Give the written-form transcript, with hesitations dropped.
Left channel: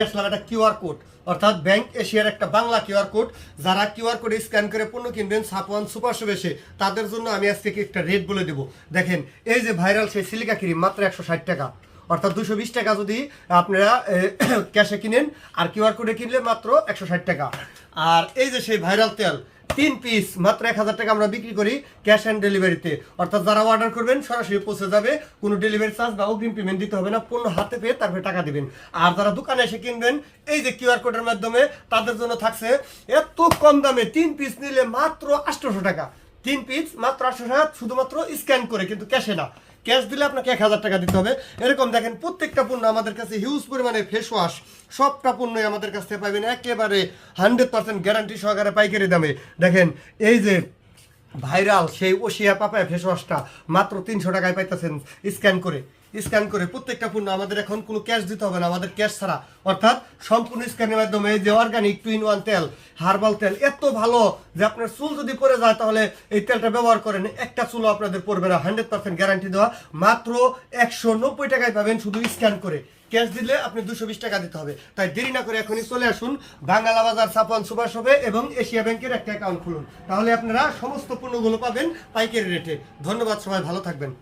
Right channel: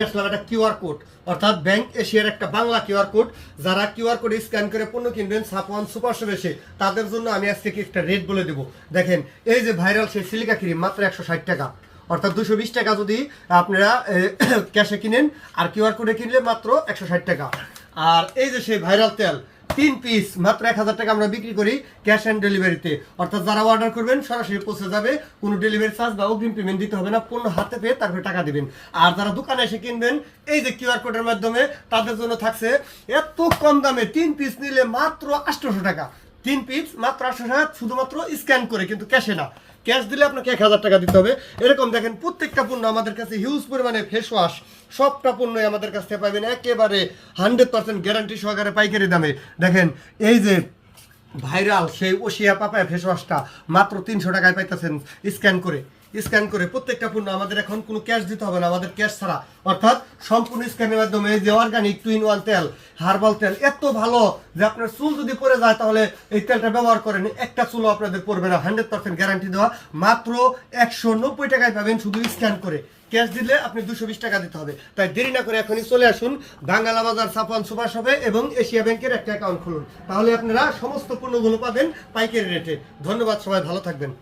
একটা QR code অর্থাৎ bank এশিয়ার একটা বাংলা কিউআর কোড। যারা কিউআর কোড স্ক্যান করে পণ্য কিনবেন সাপওয়ান সুপার শপে এসে, তাদের জন্য আমি আজকে একটা রেট বলে দেবো। দেখেন, এই যে ভাইরাল সেই সিলিকা ক্রিম মাত্র 160 টাকা, অর্থাৎ 220 টাকা যদি আপনারা ক্যাশে কিনেন, আর কিউআর কোডে কিনলে মাত্র 160 টাকা। আর এই যে সেই ভাইরাল তেল 3 পিস মাত্র 1000 টাকা আমরা বিক্রি করি ক্যাশ অ্যান্ড ডেলিভারিতে। অর্থাৎ যারা অর্ডার করবেন সরাসরি পৌঁছে যাবে, কোনো ডেলিভারি চার্জ বা অগ্রিম পেমেন্ট দিতে হবে না, পণ্য হাতে পেয়ে তারপরে টাকা দিবেন। আর যারা দোকানে এসে কিনবেন এই যে কিউআর কোডের মাধ্যমে, তাদের জন্য থাকছে এত কম দামে 3 পিস নিলে মাত্র 800 টাকা। 3 পিস মাত্র 800 টাকা, শুধুমাত্র স্ক্যান করে, কিন্তু ক্যাশে না। ক্যাশ দিলে আপনাকে 1000 টাকা দিতে হবে। এরকম দেখেন প্রত্যেকটা পণ্য আমাদের কাছে হিউজ পরিমাণে ফেস ওয়াশ, সবটা পণ্যই আমাদের কাছ থেকে পাবেন একেবারে 100% গ্যারান্টি সহকারে পাইকারি দামে। দেখেন এই যে ভাইরাল সেই ওশিয়া পাপায়া ফেস ওয়াশটা মাত্র 300 টাকায় পাইতেছেন স্ক্যান করে প্রত্যেকটা পণ্য। আমাদের এখন কোনো ক্যাশ দিতে হবে না, আমাদের ক্যাশ ছাড়া, অর্থাৎ সম্পূর্ণ স্ক্যানের মাধ্যমে। এই যে অর্গানিক 2-in-1 তেল, হার্বাল তেল এত ভালো যে আপনার চুল যদি পড়ে যায় তাহলে এই তেলটা ব্যবহার করেন, একটা চুলও আপনাদের পড়বে না। 100% গ্যারান্টি দেওয়া, মাত্র 190 টাকায় পাবেন শুধু স্ক্যান করে। ক্যাশ দিলে আপনি 220 টাকা দিতে হবে। তাই দেরি না করে এখনই চলে আসুন বাংলা বাজার সাপওয়ান সুপার শপে এবং এশিয়া ব্যাংকের একটা অ্যাকাউন্ট খুলুন, তাহলে আপনারা সমস্ত পণ্যগুলো পাবেন পাইকারি রেটে। ধন্যবাদ, সবাই ভালো থাকবেন।